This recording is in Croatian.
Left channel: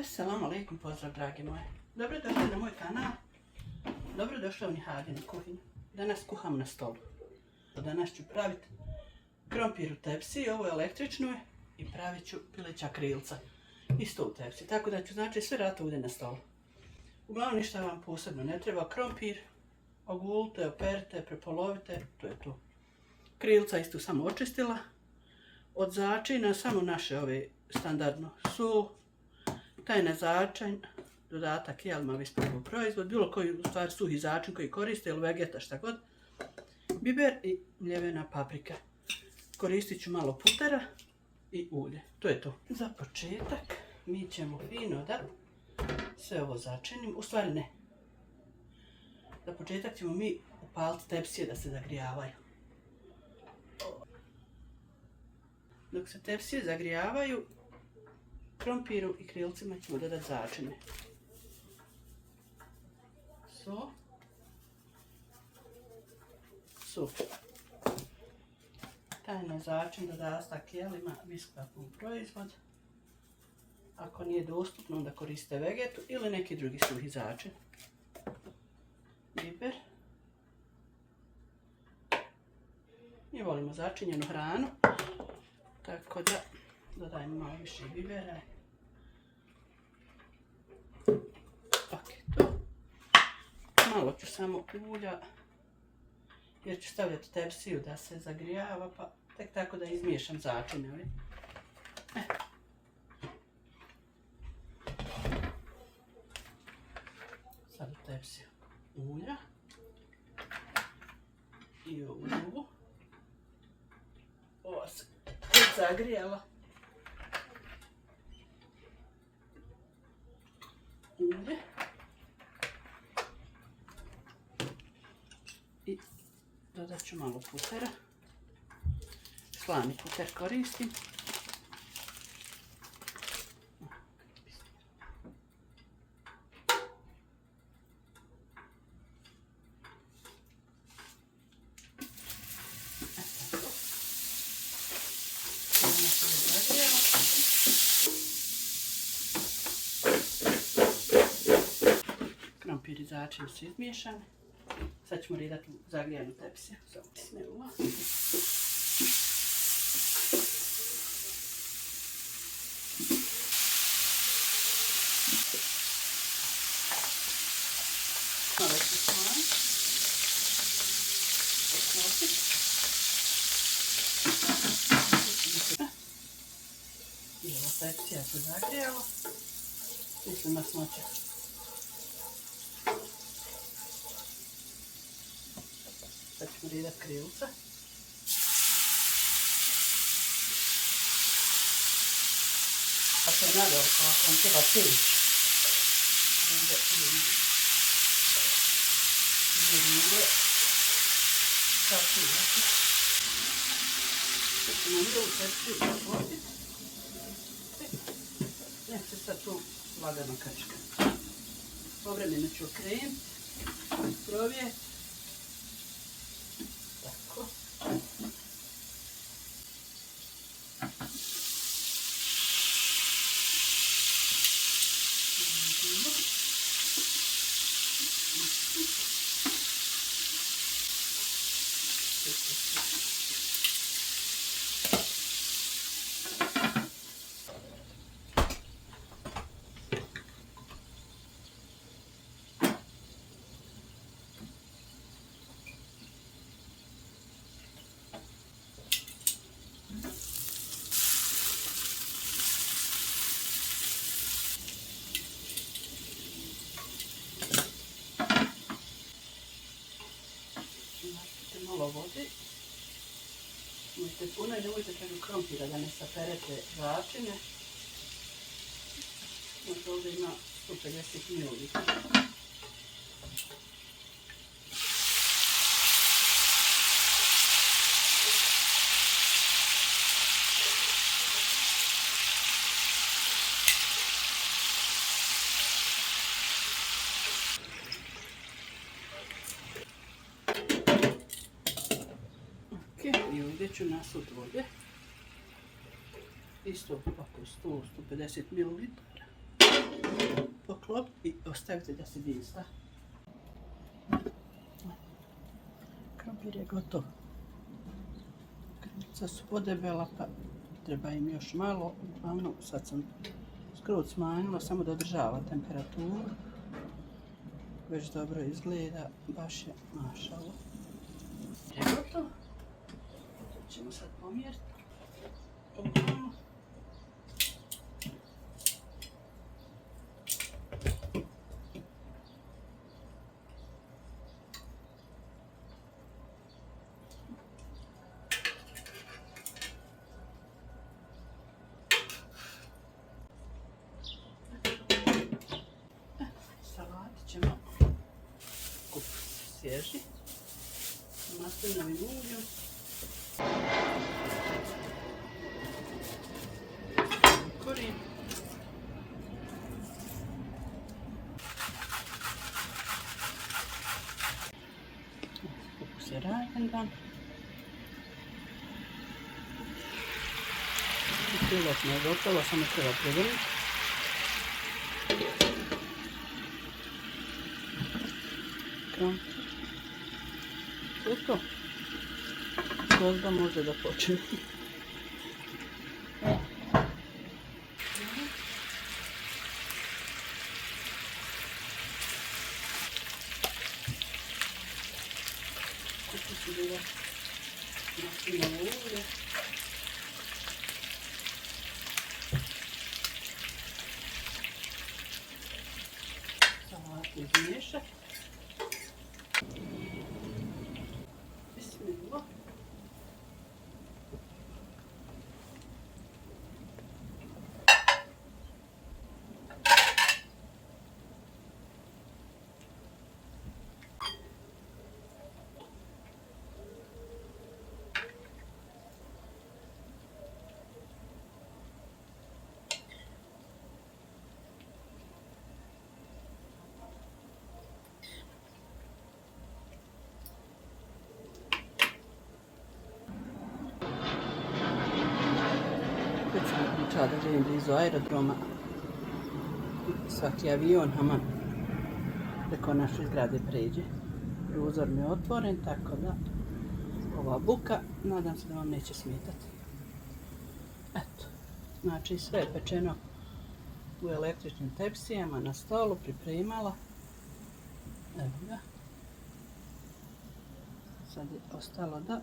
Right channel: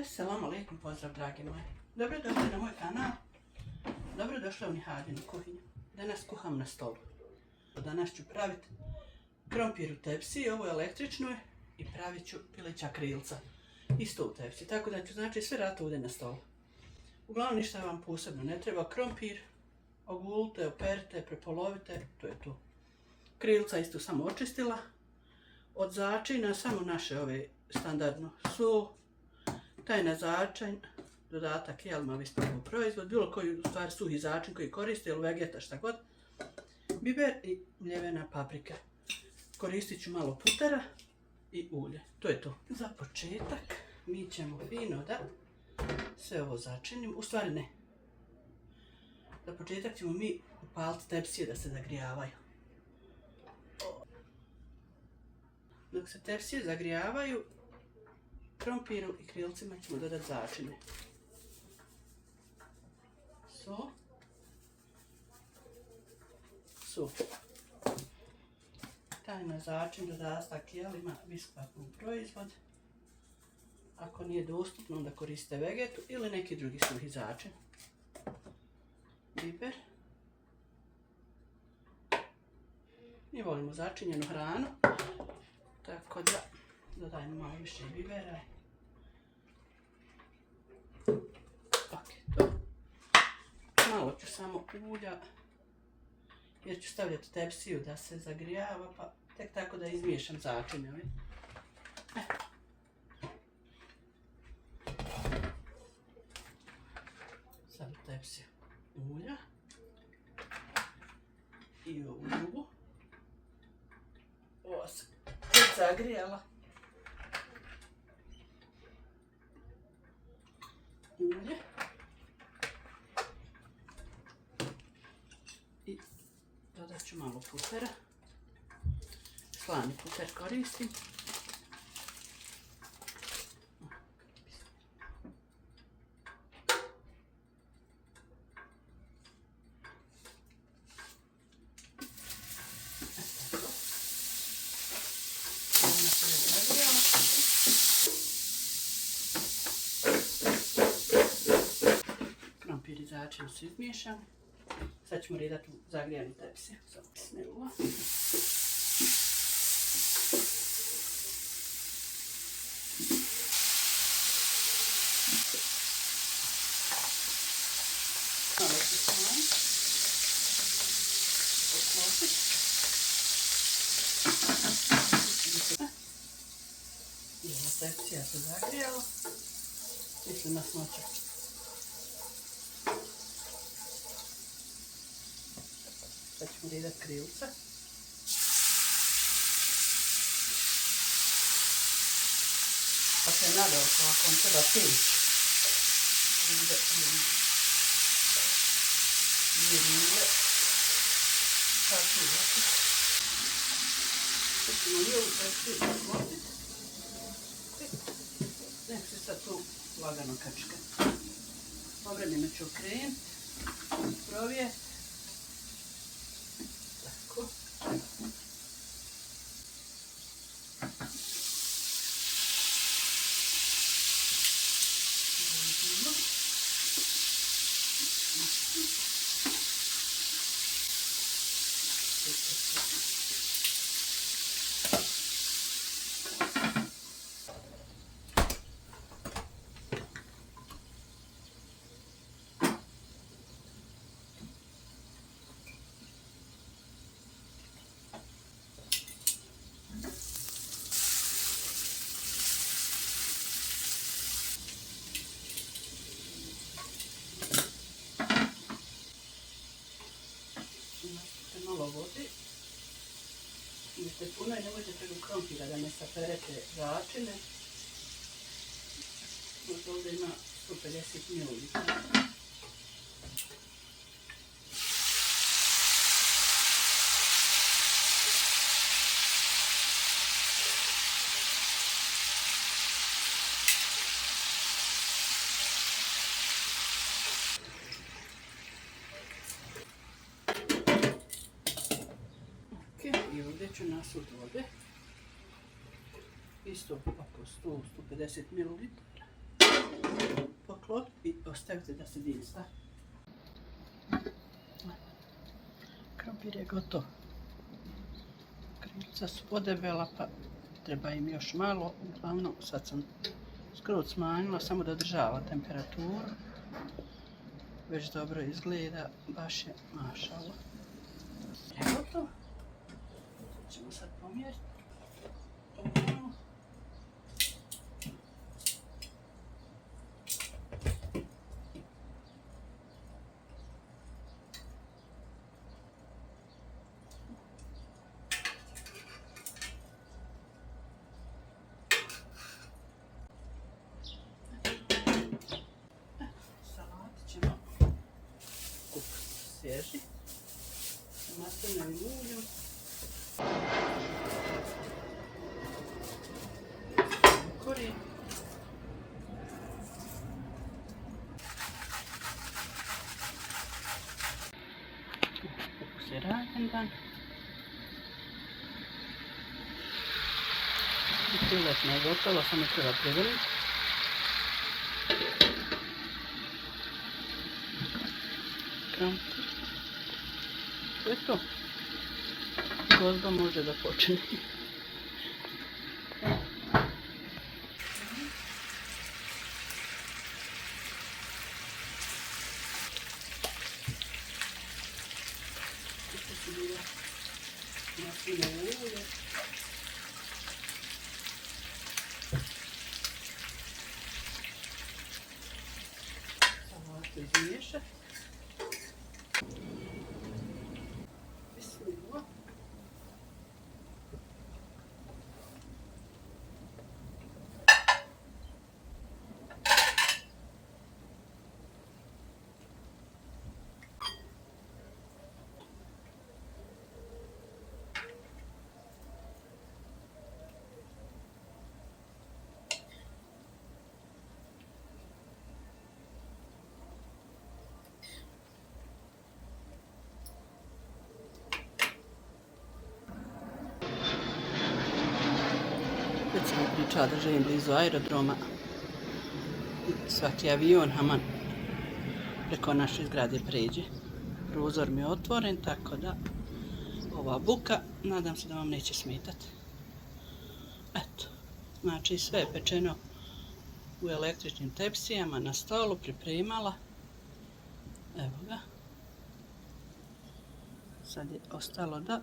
Assalamu alaikum, pozdrav dragi moji. Dobrodošli na moj kanal. Dobrodošli u Nihadinu kuhinju. Danas kuham na stolu. Danas ću praviti krompir u tepsi, ovo je električno i pravit ću pileća krilca. Isto u tepsi, tako da ću znači sve rado ovdje na stolu. Uglavnom ništa vam posebno ne treba. Krompir ogulite, operite, prepolovite, to je to. Krilca isto samo očistila. Od začina samo naše ove standardno sol, tajna začin, dodatak jelma ispravno proizvod, bilo koji u stvari suhi začin koji koriste ili vegeta šta god, biber i mljevena paprika. Koristit ću malo putera i ulje, to je to. Za početak mi ćemo fino da sve ovo začinimo, u stvari ne. Za početak ćemo mi upaliti tepsije da se zagrijavaju. Dok se tepsije zagrijavaju, krompiru i krilcima ćemo dodati začine. Sol. Tajna začin dodatak jelima, vispakov proizvod. Ako nije dostupno, onda koriste vegetu ili neki drugi suhi začin. Biber. Mi volimo začinjenu hranu, tako da dodajmo malo više bibera. Ok, to. Malo ću samo ulja, jer ću stavljati tepsiju da se zagrijava, pa tek tako da izmiješam začine. Sad u tepsiju ulja i ovu drugu. Ovo se zagrijala. Ulje. I dodat ću malo putera. Slani puter koristim. Krompir i začin su izmiješani. Sad ćemo redati u zagrijanu tepsiju. Samo pisne ovo. Malo ću slani. Osnosit. I ova tepsija se zagrijala. Mislim na smoće. Sad ćemo redati krilca. Ako je nadaleko, ako vam treba peć, onda dvije ringle, kao pivati. Sad ćemo lijevu tepsiju zaklopiti. Nek se sad tu lagano kačka. Obranjeno ću okrenuti, provijeti. Tako. Malo vode. Imate puno i nemojte preko krompira da ne saperete začine. Ovdje ima 150 ml. I ovdje ću nasuti vode. Isto oko 100-150 ml. poklopiti i ostaviti da se vinsta. Krompir je gotov. Krilca su podebela pa treba im još malo. Uglavnom sad sam skroz smanjila samo da održava temperaturu. Već dobro izgleda, baš je mašalo. Je gotovo. Ćemo sad pomjeriti. Ovamo. Salati ćemo kupiti svježi. Maslinovim uljem. Korijen. Ukus je ravendan. Priletno je gotovo, samo treba prevrnuti. Krompir. To je to. Gozba može da počne. Salatu izmiješati. Bismillah. Već sam pričala da živim blizu aerodroma. Svaki avion haman preko naše zgrade pređe. Prozor mi je otvoren, tako da ova buka, nadam se da vam neće smetati. Eto, znači sve je pečeno u električnim tepsijama na stolu, pripremala. Evo ga. Sad je ostalo da